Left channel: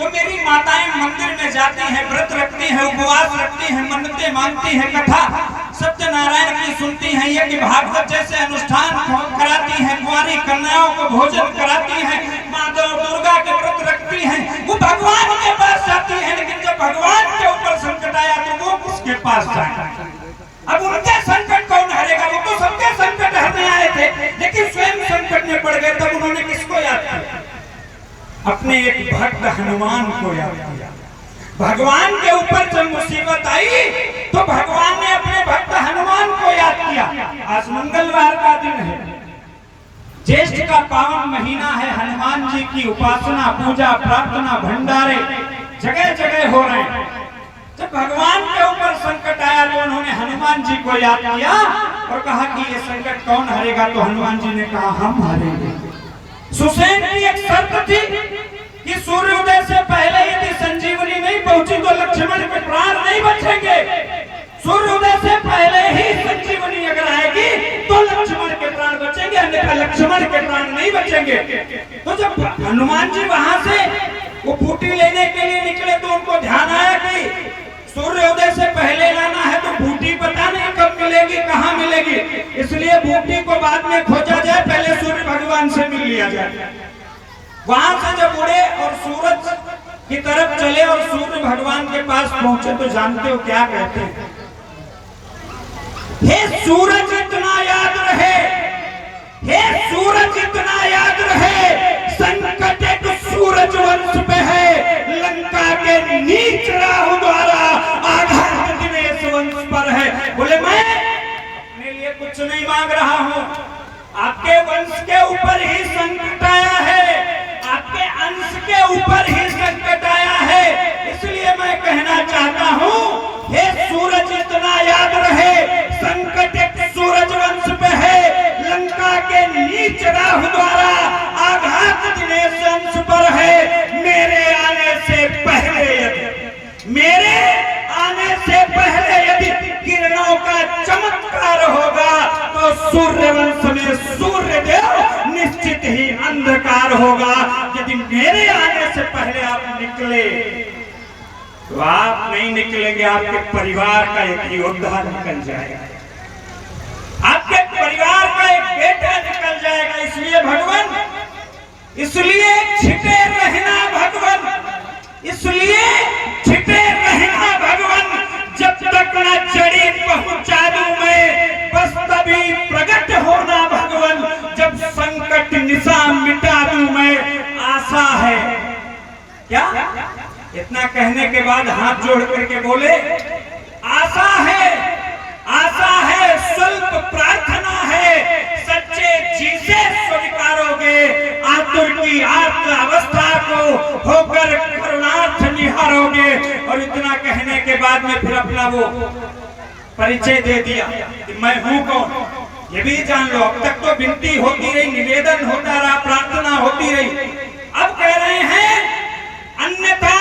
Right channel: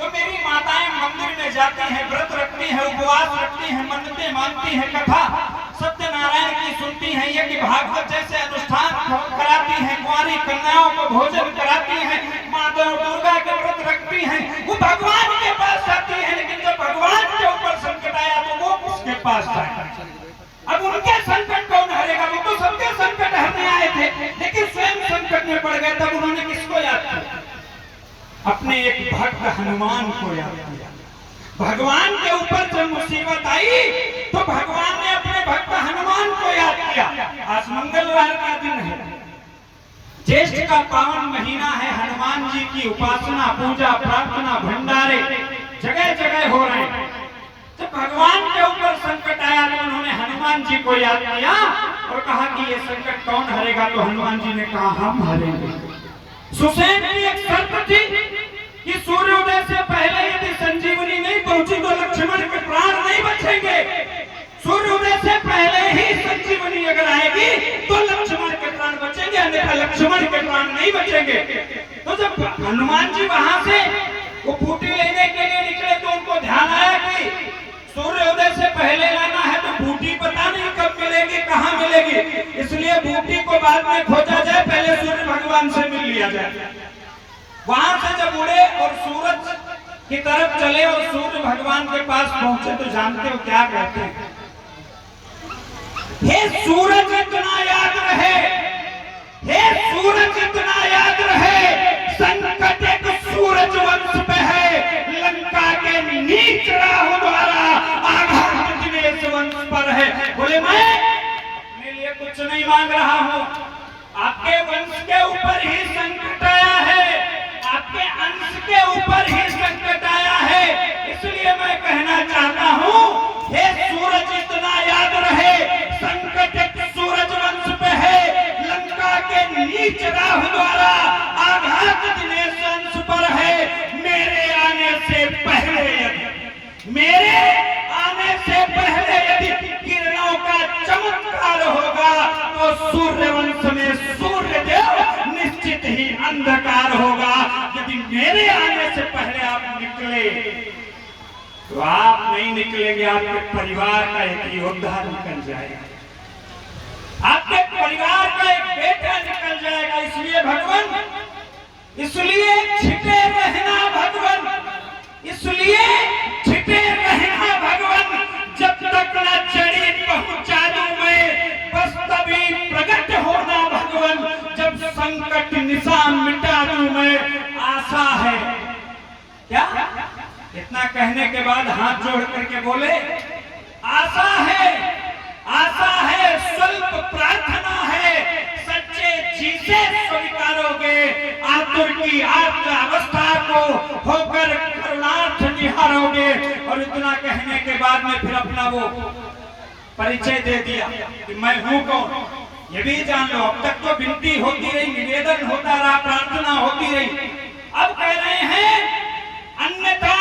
तो मेरी माताएं मंदिर में जाती हैं, व्रत रखती हैं, उपवास रखती हैं, मन्नतें मांगती हैं, कथा सत्यनारायण की सुनती हैं, ये कि भागवत जैसे अनुष्ठान कराती हैं, कुंवारी कन्याओं को भोजन कराती हैं, माता दुर्गा के व्रत रखती हैं, वो भगवान के पास जाती हैं। लेकिन जब भगवान के ऊपर संकट आया तो वो किसके पास जाए? अब उनके संकट कौन हरेगा? वो तो सबके संकट हरने आए थे, लेकिन स्वयं संकट में पड़ गए। तब उन्होंने किसको याद किया? अपने एक भक्त हनुमान को याद किया। भगवान के ऊपर जब मुसीबत आई तो भगवान ने अपने भक्त हनुमान को याद किया। आज मंगलवार का दिन है, ज्येष्ठ का पावन महीना है। हनुमान जी की उपासना, पूजा, प्रार्थना, भंडारे जगह जगह हो रहे हैं। जब भगवान के ऊपर संकट आया तो उन्होंने हनुमान जी को याद किया और कहा कि ये संकट कौन हरेगा? तो हनुमान जी ने कहा हम हारेंगे। सुसैन की एक शर्त थी कि सूर्योदय से पहले यदि संजीवनी नहीं पहुंची तो लक्ष्मण के प्राण नहीं बचेंगे। सूर्योदय से पहले ही संजीवनी अगर आएगी तो लक्ष्मण के प्राण बचेंगे, अन्यथा लक्ष्मण के प्राण नहीं बचेंगे। तो जब हनुमान जी वहां से वो बूटी लेने के लिए निकले तो उनको ध्यान आया कि सूर्योदय से पहले लाना है तो बूटी पता नहीं कब मिलेगी, कहाँ मिलेगी, इसलिए बूटी को बाद में खोजा जाए, पहले सूर्य भगवान से मिल लिया जाए। वहां से जब उड़े और सूरज की तरफ चले और सूर्य भगवान के पास पहुंचे तो जानते हो क्या कहते हैं? हे सूरज इतना याद रहे, हे सूरज इतना याद रहे, संकट एक सूरज वंश पे है, लंका के नीच राहु द्वारा आघात दिनेश वंश पर है। बोले मैं अपने लिए कुछ नहीं मांग रहा हूँ, आपके वंश के ऊपर ही संकट आया है, आपके अंश के ऊपर ही संकट आया है, इसलिए मैं कहना चाहता हूँ हे सूरज इतना याद रहे, संकट एक सूरज वंश पे है, लंका के नीच राहु द्वारा आघात दिनेश वंश पर है। मेरे आने से पहले यदि किरणों का चमत्कार होगा तो सूर्य वंश में सूर्य देव निश्चित ही अंधकार होगा। यदि मेरे आने से पहले आप निकले तो आप नहीं निकलेंगे, आपके परिवार का एक योद्धा निकल जाएगा, आपके परिवार का एक बेटा निकल जाएगा। इसलिए भगवान, इसलिए छिपे रहना भगवान, इसलिए छिपे रहना भगवान, जब तक न चढ़ी पहुंचा दूं मैं, बस तभी प्रकट होना भगवान, जब संकट निशान मिटा दूं मैं, आशा है। क्या इतना कहने के बाद हाथ जोड़ करके बोले आशा है, आशा है, स्वल्प प्रार्थना है, सच्चे जी से स्वीकारोगे, आतुर की आत्म अवस्था को होकर करुणार्थ निहारोगे। और इतना कहने के बाद में फिर अपना वो परिचय दे दिया कि मैं हूँ कौन, ये भी जान लो। अब तक तो विनती होती रही, निवेदन होता रहा, प्रार्थना होती रही, अब कह रहे हैं अन्यथा